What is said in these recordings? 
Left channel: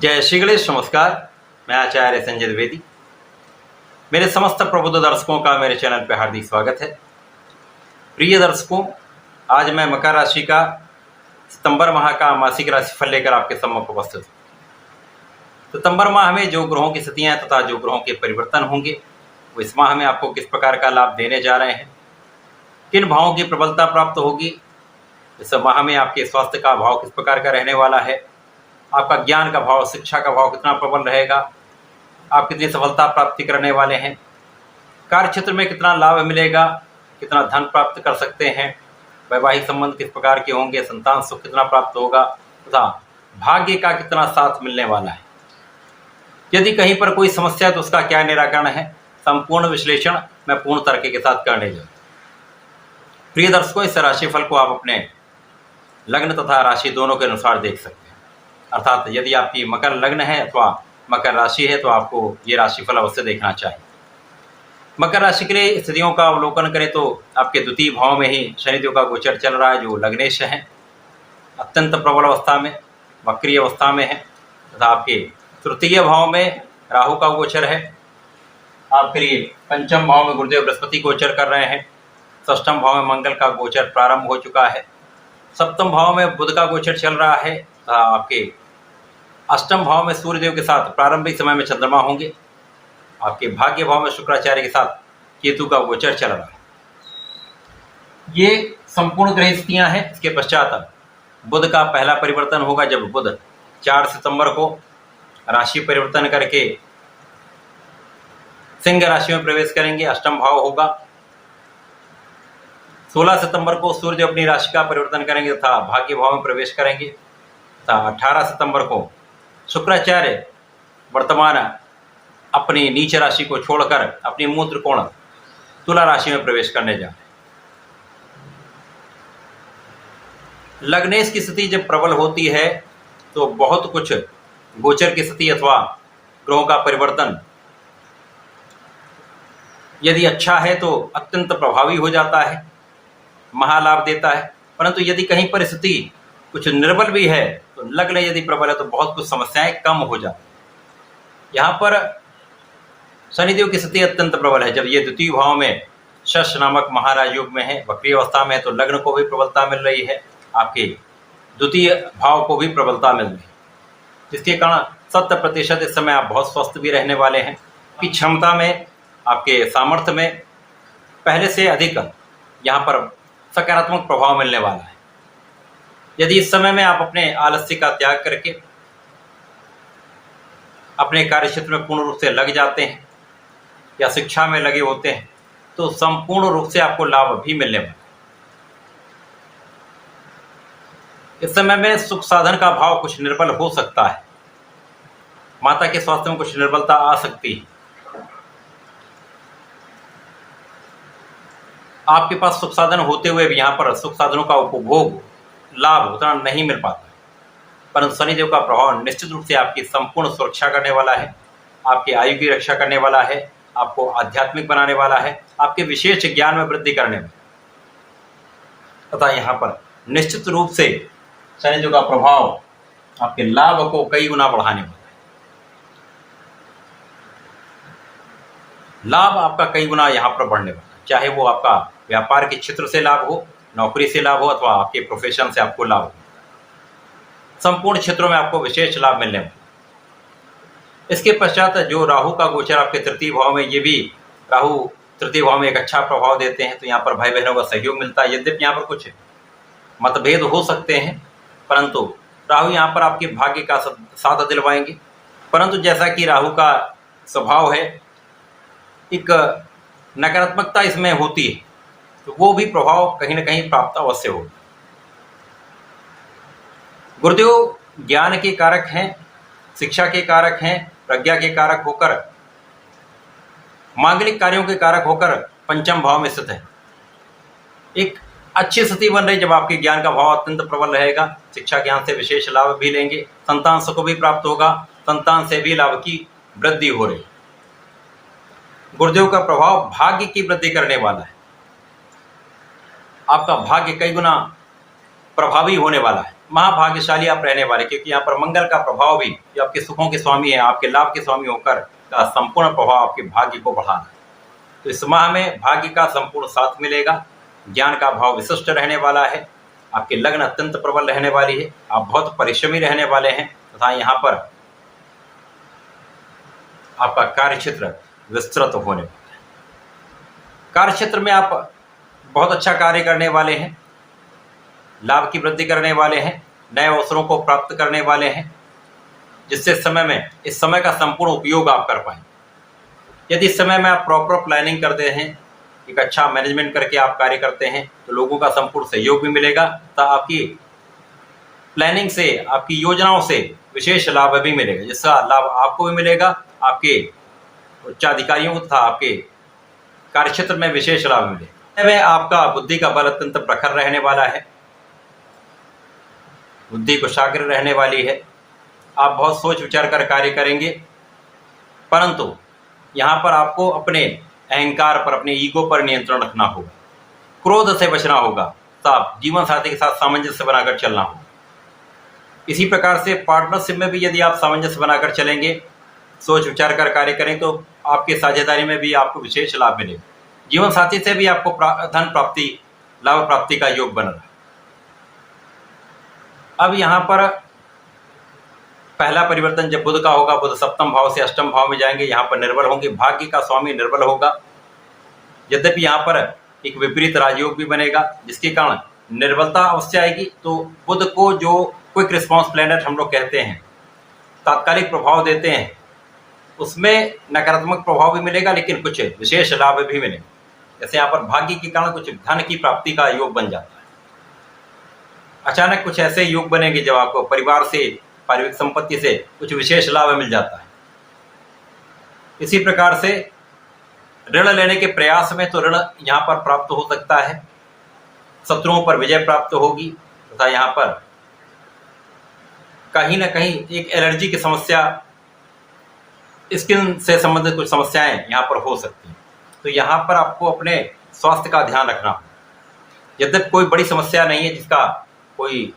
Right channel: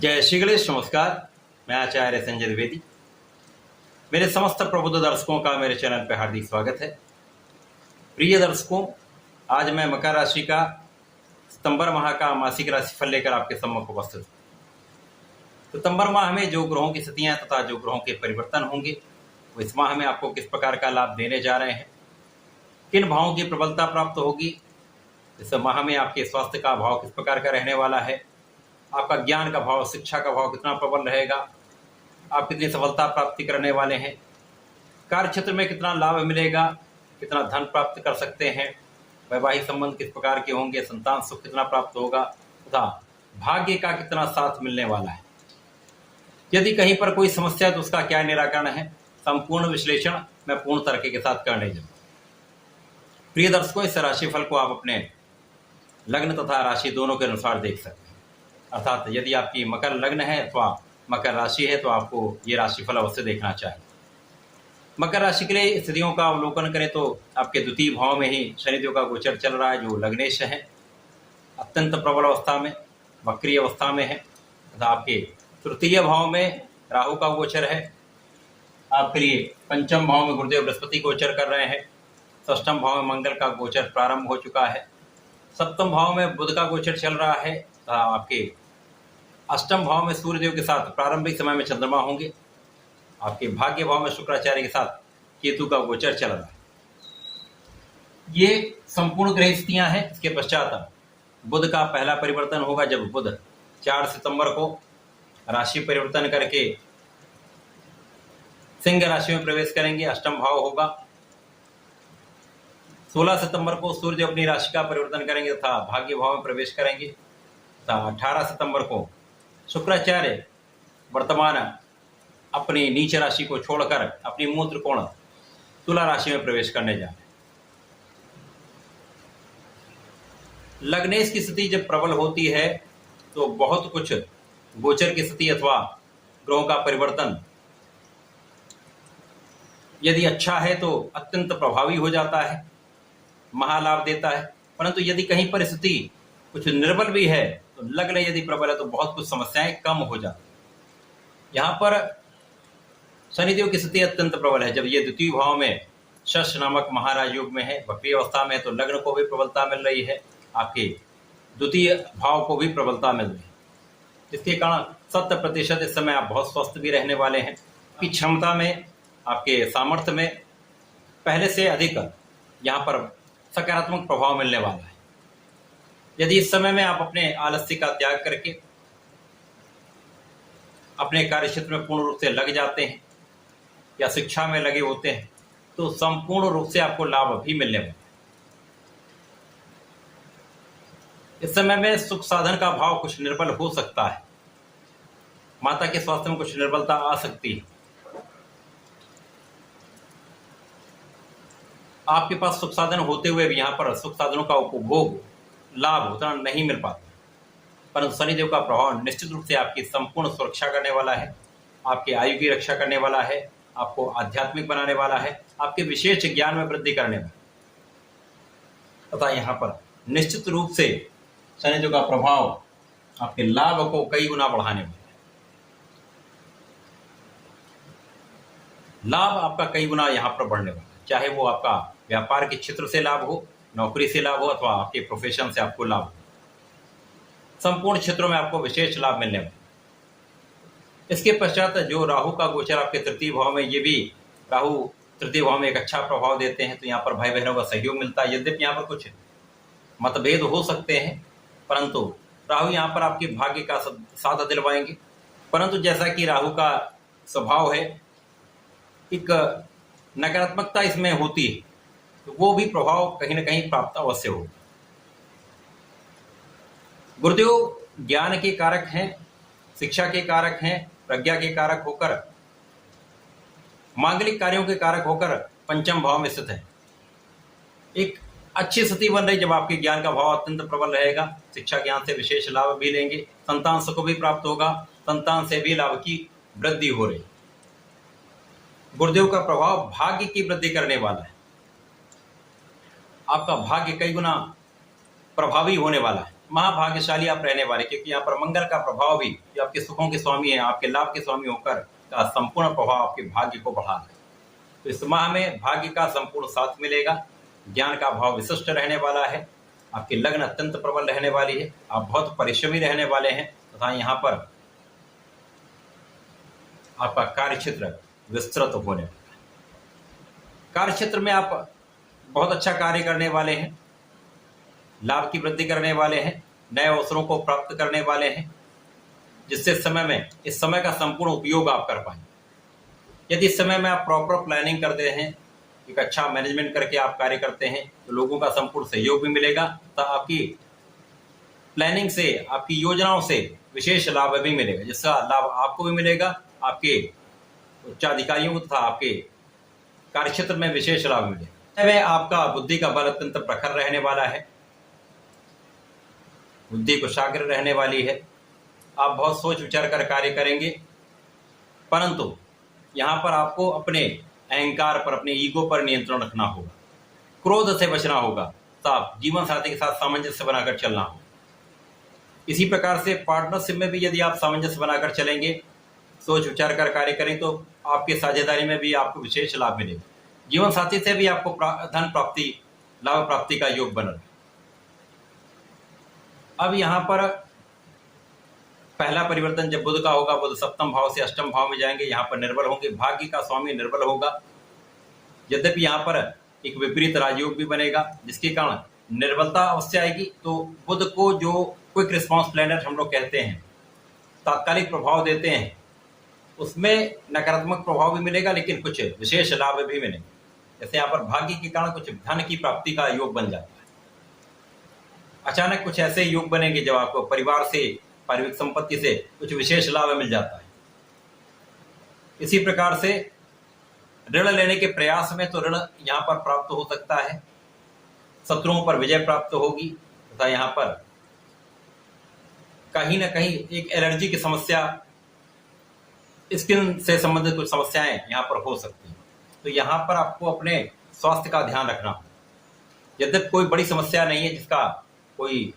जय श्री गणेश। नमस्कार, मैं आचार्य संजय द्विवेदी। मेरे समस्त प्रबुद्ध दर्शकों का मेरे चैनल पर हार्दिक स्वागत है। प्रिय दर्शकों, आज मैं मकर राशि का सितंबर माह का मासिक राशिफल लेकर आपके सम्मुख उपस्थित हूँ। सितंबर माह में जो ग्रहों की स्थितियां तथा जो ग्रहों के परिवर्तन होंगे वो इस माह में आपको किस प्रकार का लाभ देने जा रहे हैं, किन भावों की प्रबलता प्राप्त होगी, इस माह में आपके स्वास्थ्य का भाव किस प्रकार का रहने वाला है, आपका ज्ञान का भाव, शिक्षा का भाव कितना प्रबल रहेगा, आप कितनी सफलता प्राप्ति करने वाले हैं, कार्य क्षेत्र में कितना लाभ मिलेगा, कितना धन प्राप्त कर सकते हैं, वैवाहिक संबंध किस प्रकार के होंगे, संतान सुख कितना प्राप्त होगा तथा भाग्य का कितना साथ मिलने वाला है। यदि कहीं पर कोई समस्या तो उसका क्या निराकरण है, संपूर्ण विश्लेषण मैं पूर्ण तर्क के साथ करने जा रहा हूं। प्रिय दर्शकों, इस राशिफल को आप अपने लग्न तथा राशि दोनों के अनुसार देख सकते हैं। अर्थात यदि आपकी मकर लग्न है अथवा मकर राशि है तो आपको ये राशिफल अवश्य देखना चाहिए। मकर राशि के लिए स्थितियों का अवलोकन करें तो आपके द्वितीय भाव में ही शनिदेव का गोचर चल रहा है, जो लग्नेश है, अत्यंत प्रबल अवस्था में, वक्रीय अवस्था में है। तथा आपके तृतीय भाव में राहु का गोचर है। आपके लिए पंचम भाव में गुरुदेव बृहस्पति गोचर कर रहे हैं। षष्ठम भाव में मंगल का गोचर प्रारंभ हो चुका है। सप्तम भाव में बुध का गोचर चल रहा है। आपके अष्टम भाव में सूर्यदेव के साथ प्रारंभिक समय में चंद्रमा होंगे। आपके भाग्य भाव में शुक्राचार्य के साथ केतु का गोचर चल रहा है। ये संपूर्ण ग्रह स्थितियां हैं। इसके पश्चात बुध का पहला परिवर्तन होगा, जब बुध 4 सितंबर को राशि परिवर्तन करके सिंह राशि में प्रवेश करेंगे। अष्टम भाव होगा। 16 सितंबर को सूर्य अपनी राशि का परिवर्तन करेंगे तथा भाग्य भाव में प्रवेश करेंगे तथा 18 सितंबर को शुक्राचार्य वर्तमान अपनी नीच राशि को छोड़कर अपनी मूल त्रिकोण तुला राशि में प्रवेश करने जा रहे हैं। लग्नेश की स्थिति जब प्रबल होती है तो बहुत कुछ गोचर की स्थिति अथवा ग्रहों का परिवर्तन यदि अच्छा है तो अत्यंत प्रभावी हो जाता है, महालाभ देता है। परंतु यदि कहीं परिस्थिति कुछ निर्बल भी है तो लग्न यदि प्रबल है तो बहुत कुछ समस्याएं कम हो जाती। यहाँ पर शनिदेव की स्थिति अत्यंत प्रबल है। जब ये द्वितीय भाव में शश नामक महाराज योग में है, वक्रीय अवस्था में है, तो लग्न को भी प्रबलता मिल रही है, आपके द्वितीय भाव को भी प्रबलता मिल रही है, जिसके कारण 100% इस समय आप बहुत स्वस्थ भी रहने वाले हैं। आपकी क्षमता में, आपके सामर्थ्य में पहले से अधिक यहाँ पर सकारात्मक प्रभाव मिलने वाला है। यदि इस समय में आप अपने आलस्य का त्याग करके अपने कार्य क्षेत्र में पूर्ण रूप से लग जाते हैं या शिक्षा में लगे होते हैं तो संपूर्ण रूप से आपको लाभ भी मिलने वाला है। इस समय में सुख साधन का भाव कुछ निर्बल हो सकता है। माता के स्वास्थ्य में कुछ निर्बलता आ सकती है। आपके पास सुख साधन होते हुए भी यहाँ पर सुख साधनों का उपभोग, लाभ उतना नहीं मिल पाता। परंतु शनिदेव का प्रभाव निश्चित रूप से आपकी संपूर्ण सुरक्षा करने वाला है, आपकी आयु की रक्षा करने वाला है, आपको आध्यात्मिक बनाने वाला है, आपके विशेष ज्ञान में वृद्धि करने में तथा यहाँ पर निश्चित रूप से शनिदेव का प्रभाव आपके लाभ को कई गुना बढ़ाने वाला है। लाभ आपका कई गुना यहाँ पर बढ़ने वाला है, चाहे वो आपका व्यापार के क्षेत्र से लाभ हो, नौकरी से लाभ हो अथवा आपके प्रोफेशन से आपको लाभ हो। संपूर्ण क्षेत्रों में आपको विशेष लाभ मिलने वाला। इसके पश्चात जो राहु का गोचर आपके तृतीय भाव में, ये भी राहु तृतीय भाव में एक अच्छा प्रभाव देते हैं, तो यहाँ पर भाई बहनों का सहयोग मिलता है। यद्यपि यहाँ पर कुछ मतभेद हो सकते हैं, परंतु राहु यहाँ पर आपके भाग्य का साथ दिलवाएंगे। परंतु जैसा कि राहु का स्वभाव है, एक नकारात्मकता इसमें होती है, तो वो भी प्रभाव कहीं ना कहीं प्राप्त अवश्य होगा। गुरुदेव ज्ञान के कारक हैं, शिक्षा के कारक हैं, प्रज्ञा के कारक होकर, मांगलिक कार्यों के कारक होकर पंचम भाव में स्थित है। एक अच्छी स्थिति बन रही जब आपके ज्ञान का भाव अत्यंत प्रबल रहेगा। शिक्षा ज्ञान से विशेष लाभ भी लेंगे, संतान सुख भी प्राप्त होगा, संतान से भी लाभ की वृद्धि हो रही। गुरुदेव का प्रभाव भाग्य की वृद्धि करने वाला है। आपका भाग्य कई गुना प्रभावी होने वाला है। महाभाग्यशाली आप रहने वाले, क्योंकि यहाँ पर मंगल का प्रभाव भी, जो आपके सुखों के स्वामी है, आपके लाभ के स्वामी होकर का संपूर्ण प्रभाव आपके भाग्य को बढ़ा रहा है। तो इस माह में भाग्य का संपूर्ण साथ मिलेगा। ज्ञान का भाव विशिष्ट रहने वाला है। आपकी लग्न अत्यंत प्रबल रहने वाली है। आप बहुत परिश्रमी रहने वाले हैं तथा यहाँ पर आपका कार्य क्षेत्र विस्तृत होने वाला है। कार्य क्षेत्र में आप बहुत अच्छा कार्य करने वाले हैं, लाभ की वृद्धि करने वाले हैं, नए अवसरों को प्राप्त करने वाले हैं, जिससे इस समय का संपूर्ण उपयोग आप कर पाएं। यदि इस समय में आप प्रॉपर प्लानिंग करते हैं, एक अच्छा मैनेजमेंट करके आप कार्य करते हैं, तो लोगों का संपूर्ण सहयोग भी मिलेगा तथा आपकी प्लानिंग से, आपकी योजनाओं से विशेष लाभ भी मिलेगा, जिसका लाभ आपको भी मिलेगा, आपके उच्चाधिकारियों को तथा आपके कार्यक्षेत्र में विशेष लाभ मिलेगा। में आपका बुद्धि का बल अत्यंत प्रखर रहने वाला है, बुद्धि कुशाग्र रहने वाली है। आप बहुत सोच विचार कर कार्य करेंगे, परंतु यहाँ पर आपको अपने अहंकार पर, अपने ईगो पर नियंत्रण रखना होगा, क्रोध से बचना होगा, तथा जीवन साथी के साथ सामंजस्य बनाकर चलना होगा। इसी प्रकार से पार्टनरशिप में भी यदि आप सामंजस्य बनाकर चलेंगे, सोच विचार कर कार्य करें, तो आपके साझेदारी में भी आपको विशेष लाभ मिलेगा। जीवन साथी से भी आपको धन प्राप्ति, लाभ प्राप्ति का योग बन रहा है। अब यहाँ पर पहला परिवर्तन जब बुध का होगा, बुध सप्तम भाव से अष्टम भाव में जाएंगे, यहाँ पर निर्बल होंगे, भाग्य का स्वामी निर्बल होगा। यद्यपि यहाँ पर एक विपरीत राजयोग भी बनेगा, जिसके कारण निर्बलता अवश्य आएगी। तो बुध को जो क्विक रिस्पॉन्स प्लैनेट हम लोग कहते हैं, तात्कालिक प्रभाव देते हैं, उसमें नकारात्मक प्रभाव भी मिलेगा, लेकिन कुछ विशेष लाभ भी मिलेगा। जैसे यहाँ पर भाग्य के कारण कुछ धन की प्राप्ति का योग बन जाता है। अचानक कुछ ऐसे योग बनेंगे जब आपको परिवार से, पारिवारिक संपत्ति से कुछ विशेष लाभ मिल जाता है। इसी प्रकार से ऋण लेने के प्रयास में तो ऋण यहाँ पर प्राप्त हो सकता है, शत्रुओं पर विजय प्राप्त होगी, तथा यहाँ पर कहीं ना कहीं एक एलर्जी की समस्या, स्किन से संबंधित कुछ समस्याएं यहाँ पर हो सकती हैं। तो यहाँ पर आपको अपने स्वास्थ्य का ध्यान रखना होगा। यद्यपि कोई बड़ी समस्या नहीं है जिसका कोई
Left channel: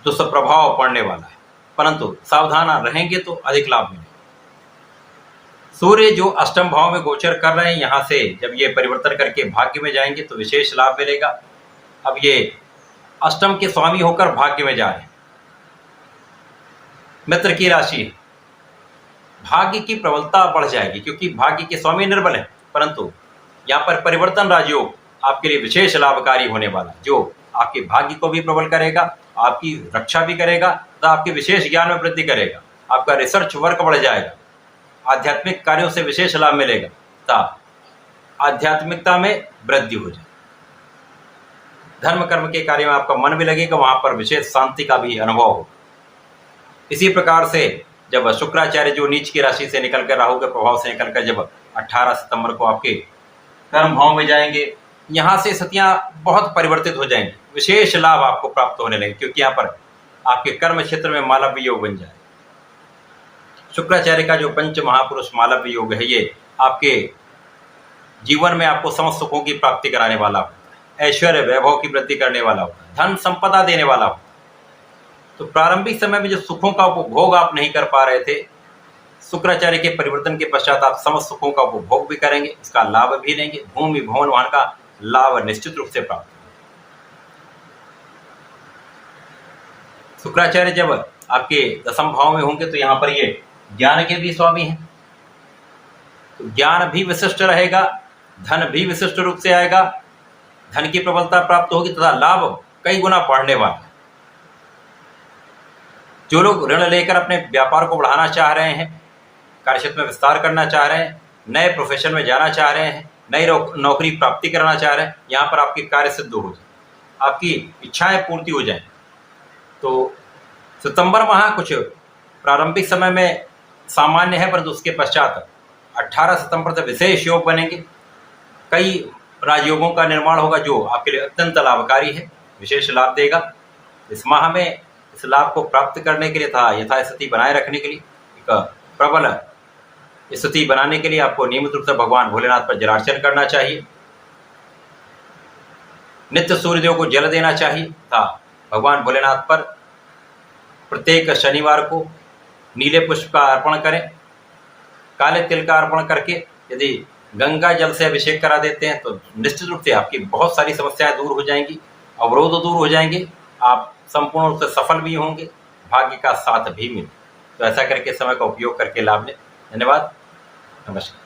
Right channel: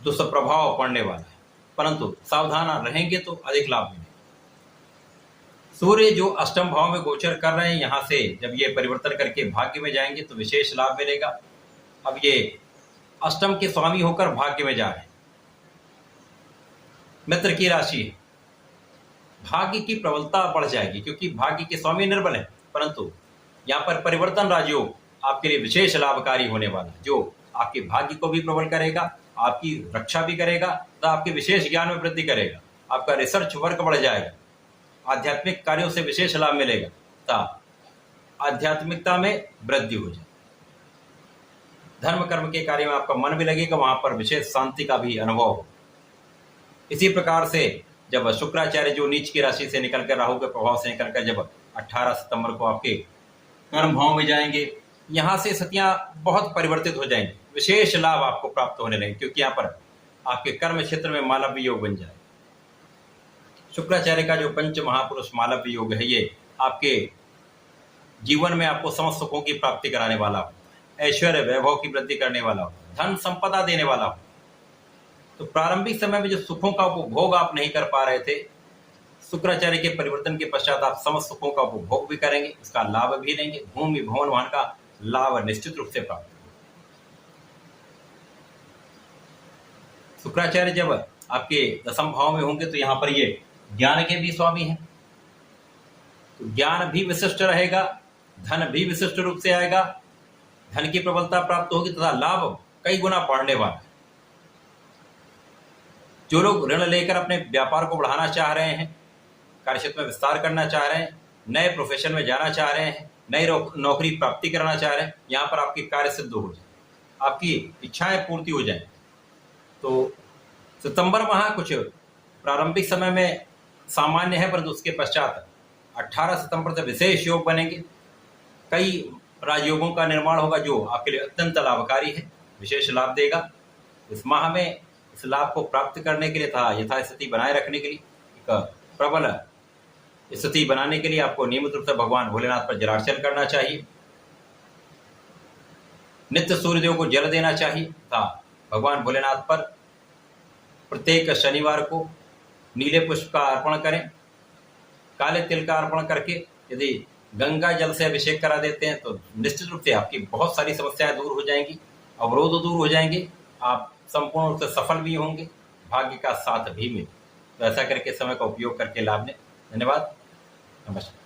दुष्प्रभाव पड़ने वाला है, परंतु सावधान रहेंगे तो अधिक लाभ मिलेगा। सूर्य जो अष्टम भाव में गोचर कर रहे हैं, यहाँ से जब ये परिवर्तन करके भाग्य में जाएंगे तो विशेष लाभ मिलेगा। अब ये अष्टम के स्वामी होकर भाग्य में जा रहे हैं, मित्र की राशि है, भाग्य की प्रबलता बढ़ जाएगी, क्योंकि भाग्य के स्वामी निर्बल है, परंतु यहाँ पर परिवर्तन राजयोग आपके लिए विशेष लाभकारी होने वाला है, जो आपके भाग्य को भी प्रबल करेगा, आपकी रक्षा भी करेगा तथा आपके विशेष ज्ञान में वृद्धि करेगा। आपका रिसर्च वर्क बढ़ जाएगा, आध्यात्मिक कार्यों से विशेष लाभ मिलेगा तथा आध्यात्मिकता में वृद्धि हो जाएगी। धर्म कर्म के कार्य में आपका मन भी लगेगा, वहां पर विशेष शांति का भी अनुभव होगा। इसी प्रकार से जब शुक्राचार्य जो नीच की राशि से निकलकर, राहु के प्रभाव से निकलकर जब 18 सितंबर को आपके कर्म भाव में जाएंगे, यहाँ से स्थितियां बहुत परिवर्तित हो जाएंगी, विशेष लाभ आपको प्राप्त होने लगेंगे, क्योंकि यहाँ पर आपके कर्म क्षेत्र में मालव्य योग बन जाए। शुक्राचार्य का जो पंच महापुरुष मालव्य योग है, ये आपके जीवन में आपको समस्त सुखों की प्राप्ति कराने वाला होता है, ऐश्वर्य वैभव की वृद्धि करने वाला होता है, धन संपदा देने वाला होता है। तो प्रारंभिक समय में जो सुखों का उपभोग आप नहीं कर पा रहे थे, शुक्राचार्य के परिवर्तन के पश्चात आप समस्त सुखों का उपभोग भी करेंगे, उसका लाभ भी लेंगे, भूमि भवन वाहन का लाभ निश्चित रूप से प्राप्त होगा। शुक्राचार्य जब आपके दसम भाव में होंगे तो यहाँ पर ये ज्ञान के भी स्वामी हैं, तो ज्ञान भी विशिष्ट रहेगा, धन भी विशिष्ट रूप से आएगा, धन की प्रबलता प्राप्त होगी तथा लाभ कई गुना बढ़ने वाला है। जो लोग ऋण लेकर अपने व्यापार को बढ़ाना चाह रहे हैं, कार्यक्षेत्र में विस्तार करना चाह रहे हैं, नए प्रोफेशन में जाना चाह रहे हैं, नई नौकरी प्राप्ति करना चाह रहे हैं, यहाँ पर आपकी कार्य सिद्ध हो जाए, आपकी इच्छाएं पूर्ति हो जाए। तो सितंबर माह कुछ प्रारंभिक समय में सामान्य है, परंतु उसके पश्चात 18 सितंबर से विशेष योग बनेंगे, कई राजयोगों का निर्माण होगा जो आपके लिए अत्यंत लाभकारी है, विशेष लाभ देगा। इस माह में इस लाभ को प्राप्त करने के लिए तथा यथास्थिति बनाए रखने के लिए, एक प्रबल स्थिति बनाने के लिए आपको नियमित रूप से भगवान भोलेनाथ पर जलार्चन करना चाहिए, नित्य सूर्यदेव को जल देना चाहिए तथा भगवान भोलेनाथ पर प्रत्येक शनिवार को नीले पुष्प का अर्पण करें। काले तिल का अर्पण करके यदि गंगा जल से अभिषेक करा देते हैं तो निश्चित रूप से आपकी बहुत सारी समस्याएं दूर हो जाएंगी, अवरोध दूर हो जाएंगे, आप संपूर्ण रूप से सफल भी होंगे, भाग्य का साथ भी मिले। तो ऐसा करके समय का उपयोग करके लाभ लें। धन्यवाद, नमस्कार।